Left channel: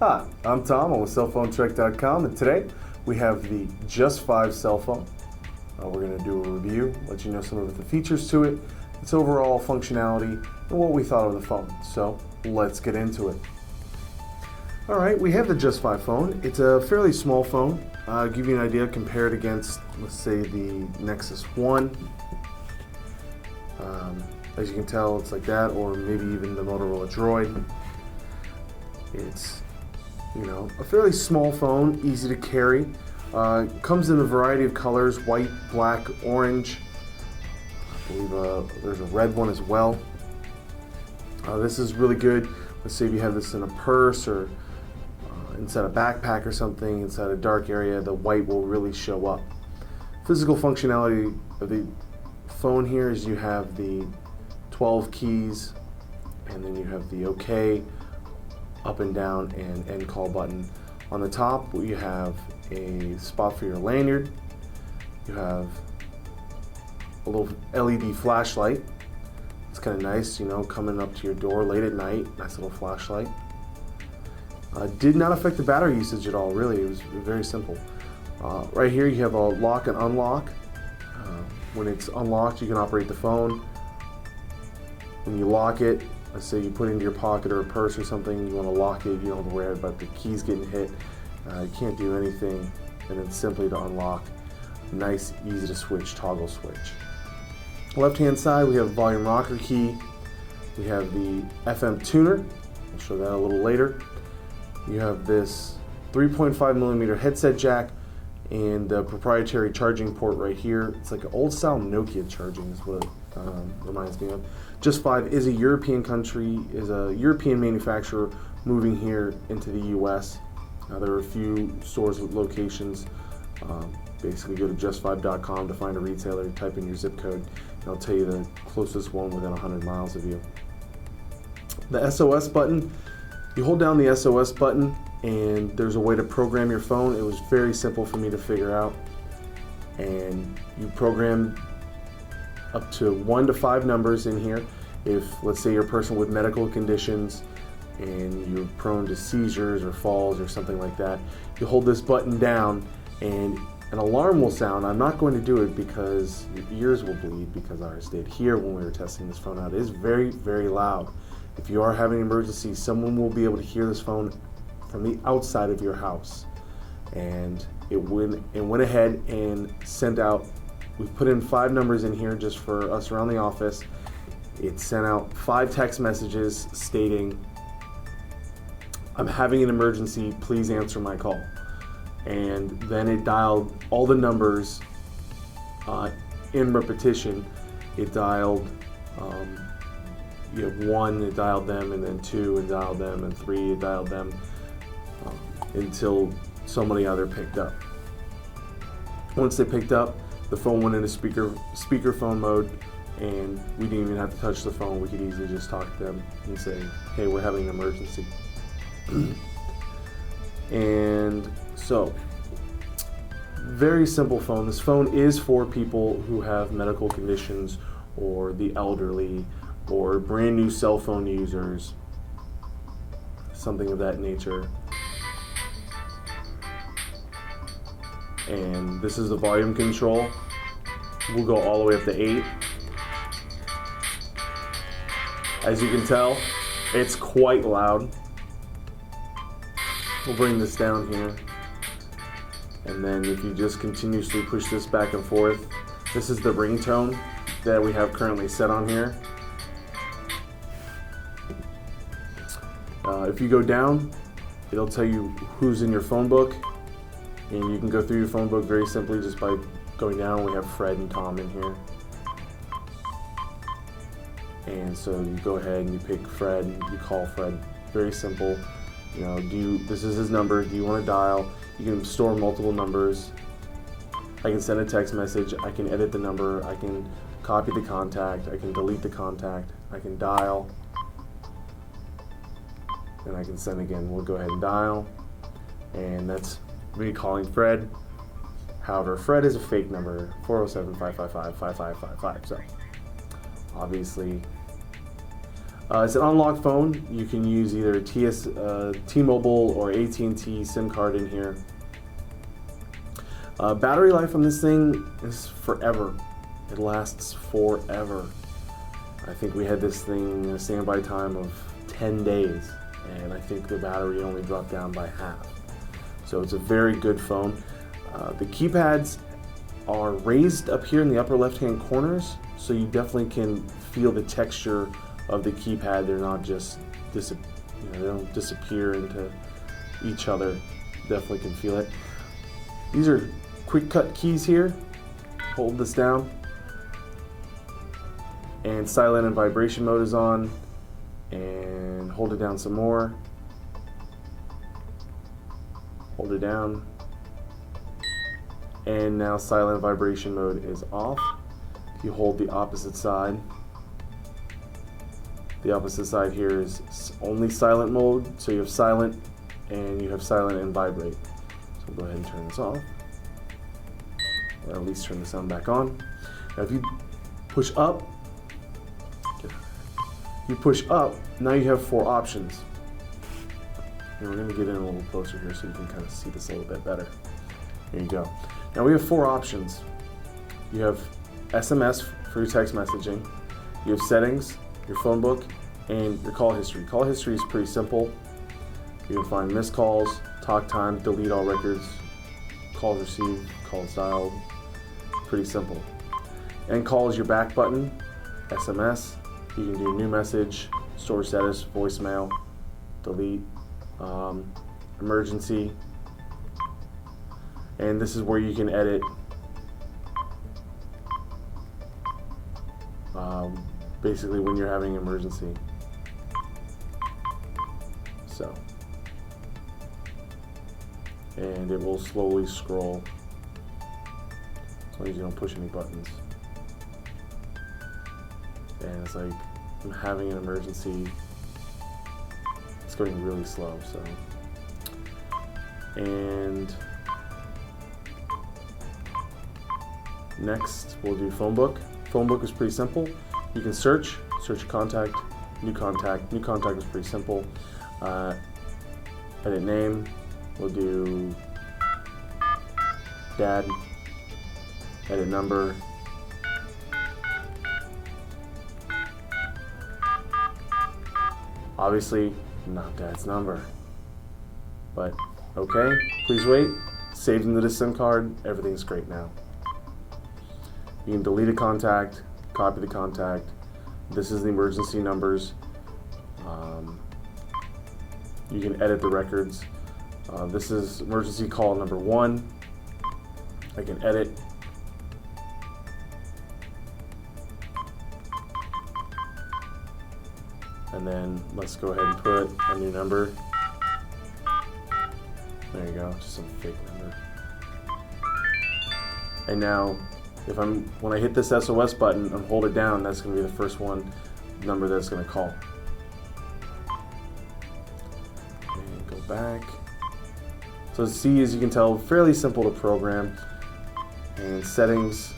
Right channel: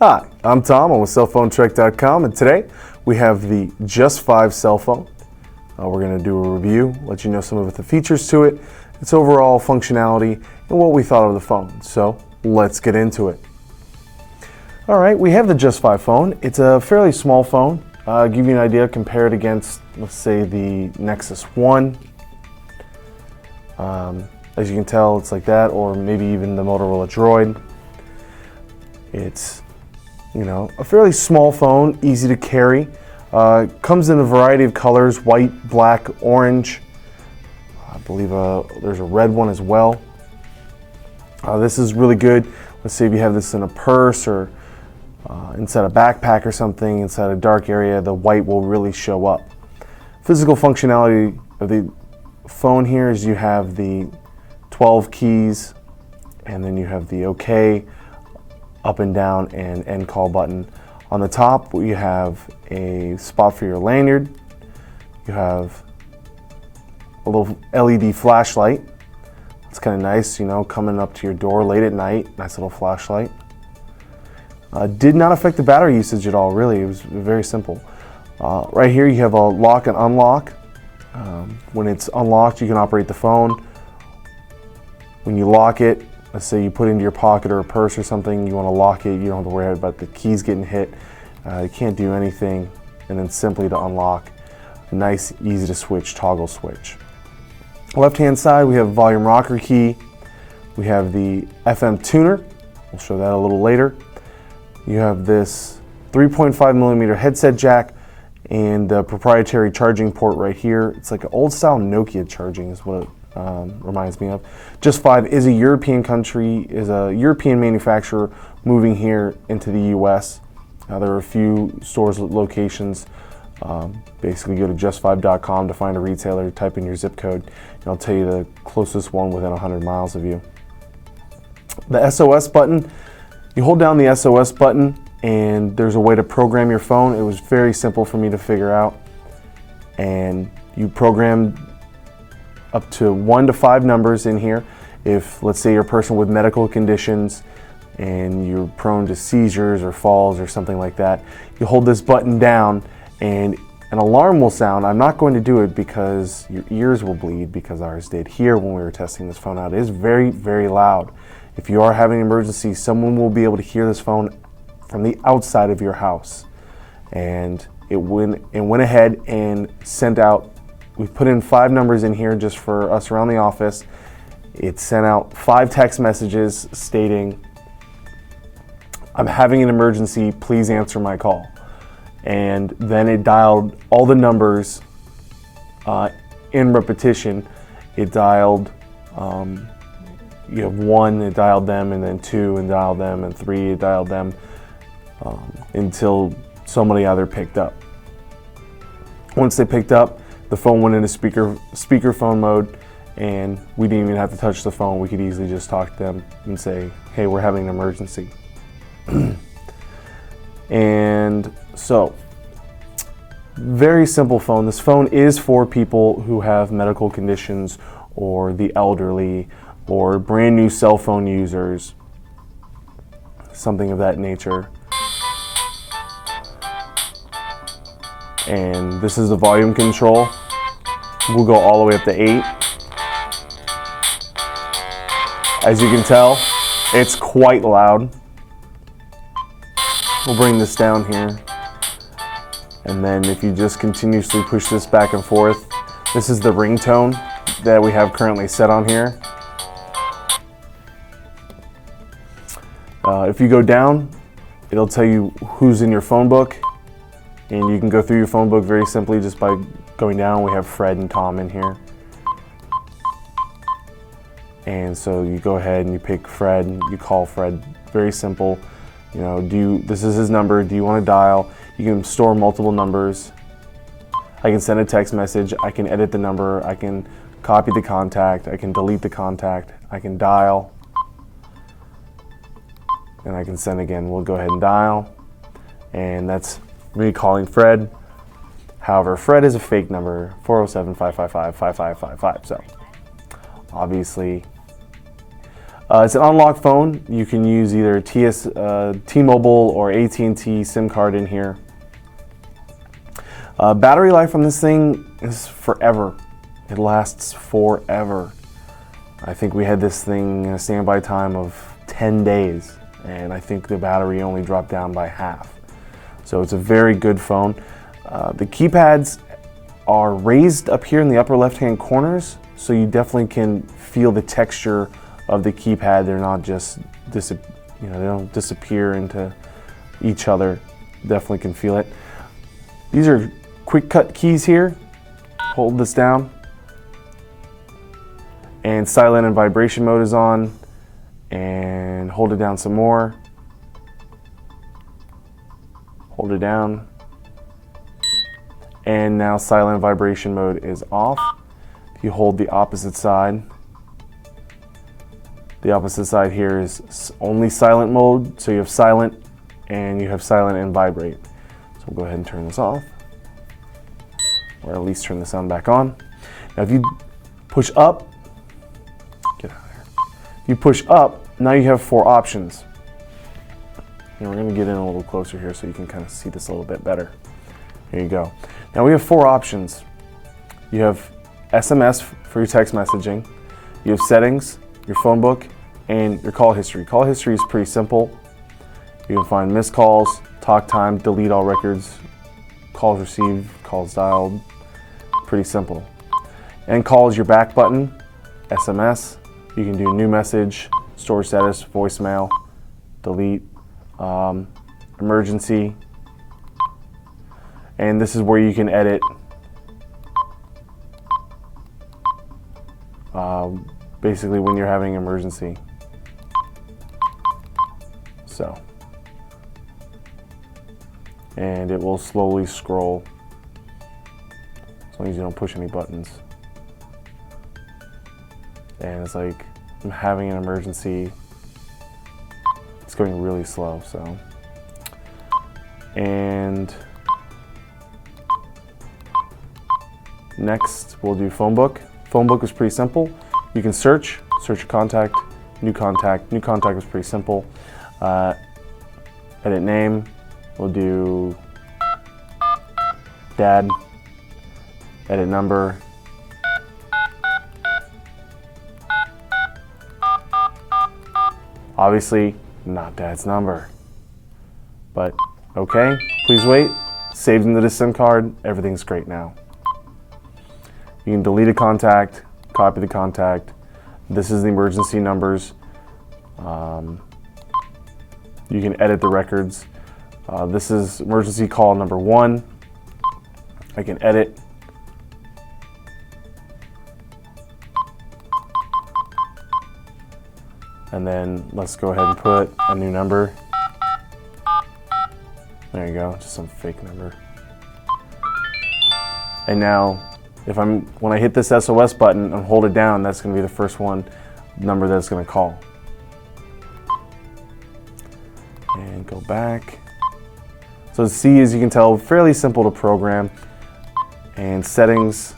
Hi, I'm Tom. I'm with cellphonetrek.com, and today we have the Just 5 cell phone. We're going to do a review, let you know some of the features to it, its overall functionality, and what we thought of the phone. So let's get into it. All right, we have the Just 5 phone. It's a fairly small phone. Give you an idea, compare it against, let's say, the Nexus 1. As you can tell, it's like that, or maybe even the Motorola Droid. It's, a fairly small phone, easy to carry. Comes in a variety of colors, white, black, orange. I believe there's a red one as well. This is really good. Let's say if you have this in a purse or inside a backpack or something, inside a dark area, the white will really show up. Physical functionality of the phone here is you have the 12 keys, and then you have the OK, up and down, and end call button. On the top, you have a spot for your lanyard. You have a little LED flashlight. It's kind of nice, coming up to your door late at night. Nice little flashlight. Did not affect the battery usage at all, really. It was very simple. Right here, you have a lock and unlock. When it's unlocked, you can operate the phone. When you lock it, let's say you put it into your pocket or a purse or something, you want to lock it, you don't have to worry about the keys getting hit. You can't do anything, and then simply to unlock. Nice, easy to switch, toggle switch. Left-hand side, we have volume rocker key. We have the FM tuner. We'll show that a little later. You have this 3.5 millimeter headset jack and the proprietary charging port right here. It's like an old style Nokia charging is what it reminds me of. Just 5 is a European country, is a European manufacturer moving here into the US. There are a few stores locations. Basically go to just5.com to find a retailer, type in your zip code, and I'll tell you the closest one within 100 miles of you. The SOS button, you hold down the SOS button and there's a way to program your phone. It was very simple for me to figure out. And you program up to 1 to 5 numbers in here. If, let's say, you're a person with medical conditions and you're prone to seizures or falls or something like that, you hold this button down and an alarm will sound. I'm not going to do it because your ears will bleed, because ours did here when we were testing this phone out. It is very, very loud. If you are having an emergency, someone will be able to hear this phone from the outside of your house. And it went ahead and sent out, we've put in 5 numbers in here just for us around the office. It sent out 5 text messages stating, "I'm having an emergency, please answer my call." And then it dialed all the numbers in repetition. It dialed, 1, it dialed them, and then 2, and dialed them, and 3, it dialed them, until somebody either picked up. Once they picked up, the phone went into speakerphone mode, and we didn't even have to touch the phone. We could easily just talk to them and say, "Hey, we're having an emergency." And so, very simple phone. This phone is for people who have medical conditions or the elderly or brand new cell phone users, something of that nature. And this is the volume control. We'll go all the way up to 8. As you can tell, it's quite loud. We'll bring this down here. And then if you just continuously push this back and forth, this is the ringtone that we have currently set on here. If you go down, it'll tell you who's in your phone book. And you can go through your phone book very simply just by going down. We have Fred and Tom in here. And so you go ahead and you pick Fred, and you call Fred. Very simple. This is his number. Do you want to dial? You can store multiple numbers. I can send a text message. I can edit the number. I can copy the contact. I can delete the contact. I can dial. And I can send again. We'll go ahead and dial. And that's me calling Fred. However, Fred is a fake number, 407-555-5555. So obviously It's an unlocked phone. You can use either T-Mobile or AT&T SIM card in here. Battery life on this thing is forever. It lasts forever. I think we had this thing a standby time of 10 days, and I think the battery only dropped down by half. So it's a very good phone. The keypads are raised up here in the upper left-hand corners, so you definitely can feel the texture of the keypad. They're not just they don't disappear into each other. Definitely can feel it. These are quick cut keys here. Hold this down, and silent and vibration mode is on, and hold it down some more. Hold it down, and now silent vibration mode is off. If you hold the opposite side here is only silent mode, so you have silent and you have silent and vibrate. So we'll go ahead and turn this off, or at least turn the sound back on. Now if you push up, get out of here. If you push up, now you have 4 options. And we're going to get in a little closer here so you can kind of see this a little bit better. Here you go. Now we have 4 options. You have SMS for your text messaging, you have settings, your phone book, and your call history. Call history is pretty simple. You can find missed calls, talk time, delete all records, calls received, calls dialed. Pretty simple. And call is your back button, SMS. You can do new message, store status, voicemail, delete, emergency. And this is where you can edit basically when you're having an emergency. So, and it will slowly scroll as long as you don't push any buttons. And it's like, I'm having an emergency. It's going really slow, so. And next, we'll do phone book. Phone book is pretty simple. You can search your contact. New contact is pretty simple. Edit name, we'll do dad. Edit number. Obviously, not dad's number. But okay, please wait. Saved into the SIM card, everything's great now. You can delete a contact, copy the contact. This is the emergency numbers. You can edit the records. This is emergency call number 1. I can edit. And then let's go ahead and put a new number. There you go, just some fake number. And now, when I hit this SOS button and hold it down, that's going to be the first number that's going to call. And go back. So C, as you can tell, fairly simple to program. And settings,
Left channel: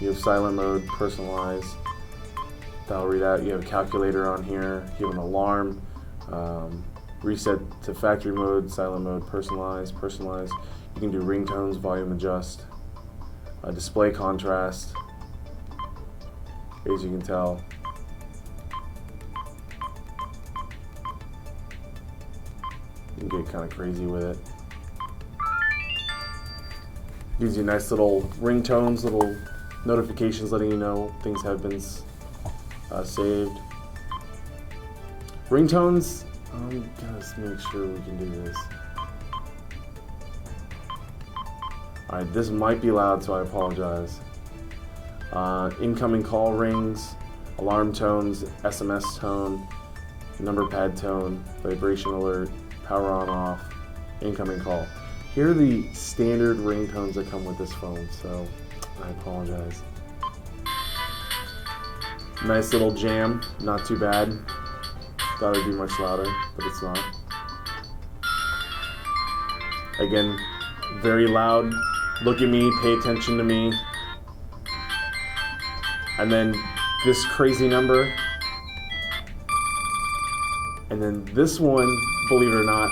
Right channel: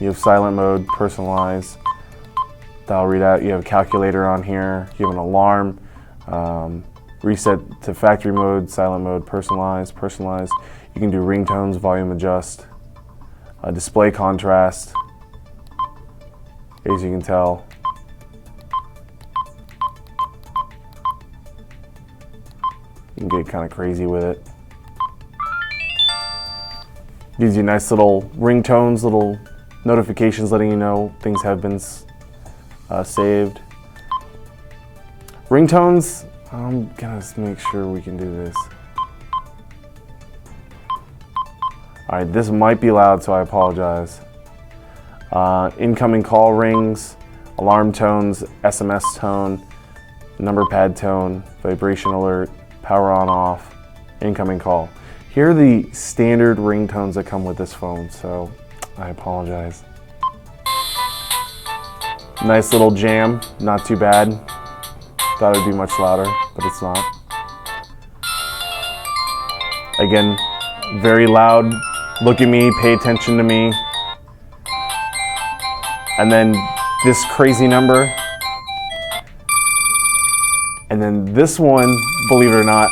you have silent mode, personalize, dial readout. You have a calculator on here. You have an alarm, reset to factory mode, silent mode, personalize. You can do ringtones, volume adjust. Display contrast, as you can tell. You can get kind of crazy with it. Gives you nice little ringtones, little notifications letting you know things have been saved. Ringtones, I'm gonna make sure we can do this. All right, this might be loud, so I apologize. Incoming call rings, alarm tones, SMS tone, number pad tone, vibration alert, power on off, incoming call. Here are the standard ringtones that come with this phone, so I apologize. Nice little jam, not too bad. Thought it would be much louder, but it's not. Again, very loud. Look at me, pay attention to me. And then this crazy number. And then this one, believe it or not,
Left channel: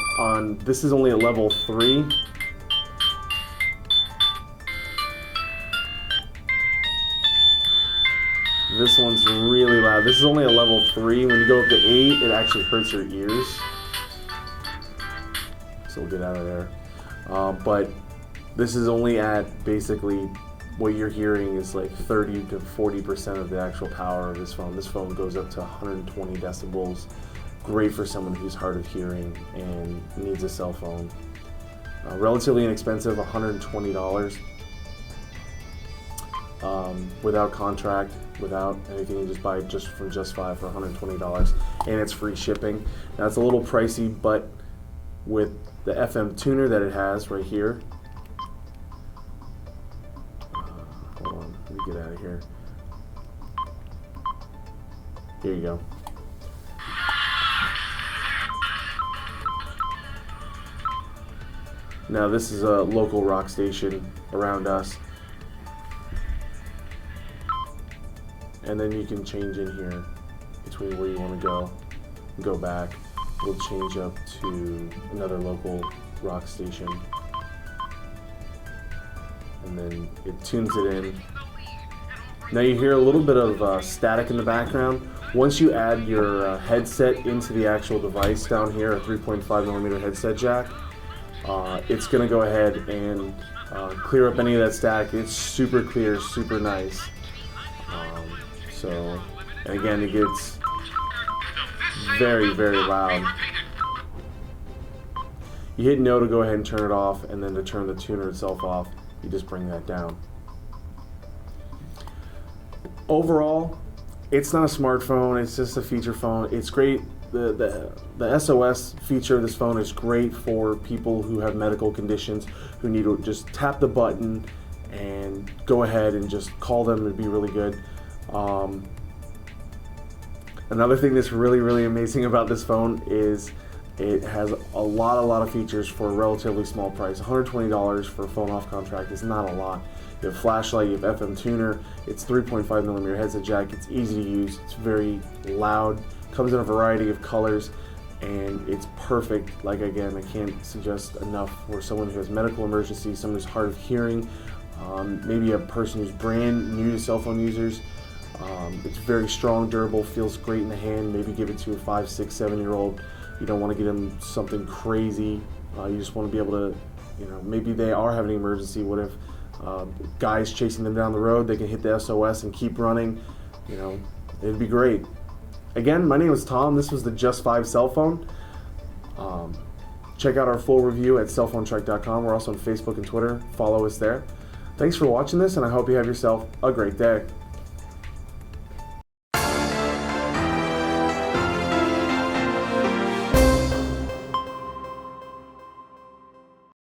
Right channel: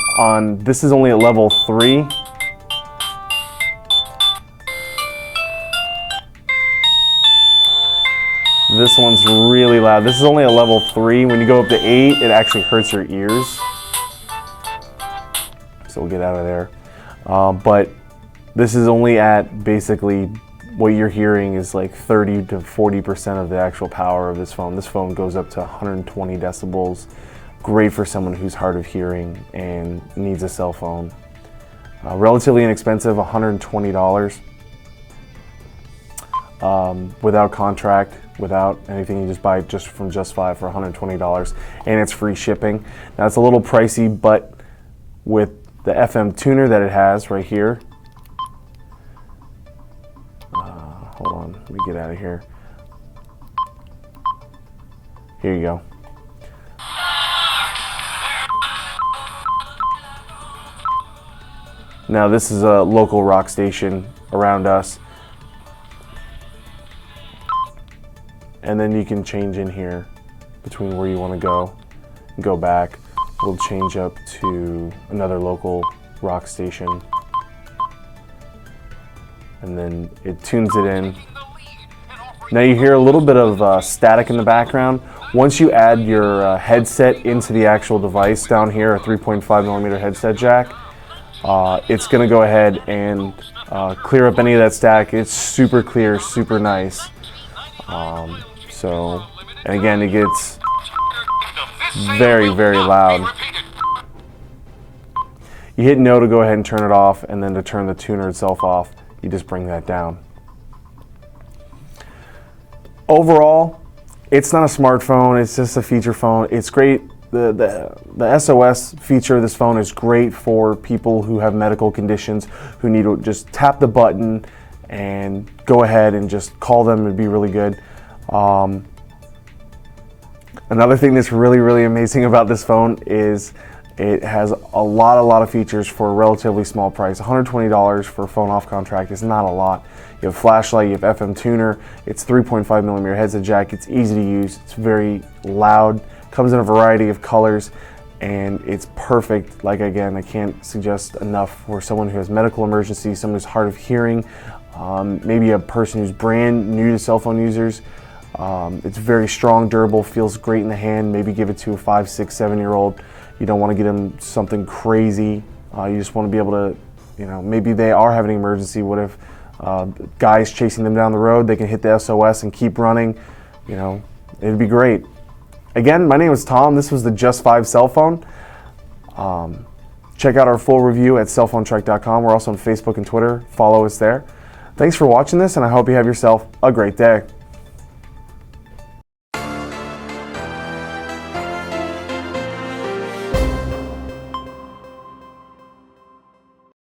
this is only at level 3. This one's really loud. This is only a level 3. When you go up to 8, it actually hurts your ears. So we'll get out of there. But this is only at basically what you're hearing is like 30 to 40% of the actual power of this phone. This phone goes up to 120 decibels. Great for someone who's hard of hearing and needs a cell phone. Relatively inexpensive, $120. Without contract, without anything, you just buy it just from Just 5 for $120, and it's free shipping. Now it's a little pricey, but with the FM tuner that it has right here, hold on, let me get out of here. Here you go. Now this is a local rock station around us. And then you can change in here between where you want to go back. We'll change up to another local rock station. And then it tunes it in. Now you hear a little bit of static in the background. Once you add your headset into the actual device down here, a 3.5mm headset jack, it's going to go ahead and clear up any of that static. It's super clear, super nice. And again, it gets very, very loud. You hit no to go ahead and turn it off, and then to turn the tuner itself off, you just bring that down. Overall, it's not a smartphone, it's just a feature phone. It's great. The SOS feature of this phone is great for people who have medical conditions, who need to just tap the button and go ahead and just call them. It'd be really good. Another thing that's really, really amazing about this phone is it has a lot of features for a relatively small price. $120 for a phone off contract is not a lot. You have flashlight, you have FM tuner, it's 3.5mm headset jack, it's easy to use, it's very loud, comes in a variety of colors, and it's perfect. Like, again, I can't suggest enough for someone who has medical emergency, someone who's hard of hearing, maybe a person who's brand new to cell phone users. It's very strong, durable, feels great in the hand. Maybe give it to a 5, 6, 7-year-old. You don't want to get them something crazy. You just want to be able to, maybe they are having an emergency. What if guys chasing them down the road? They can hit the SOS and keep running. It'd be great. Again, my name is Tom. This was the Just 5 cell phone. Check out our full review at cellphonetrek.com. We're also on Facebook and Twitter. Follow us there. Thanks for watching this, and I hope you have yourself a great day.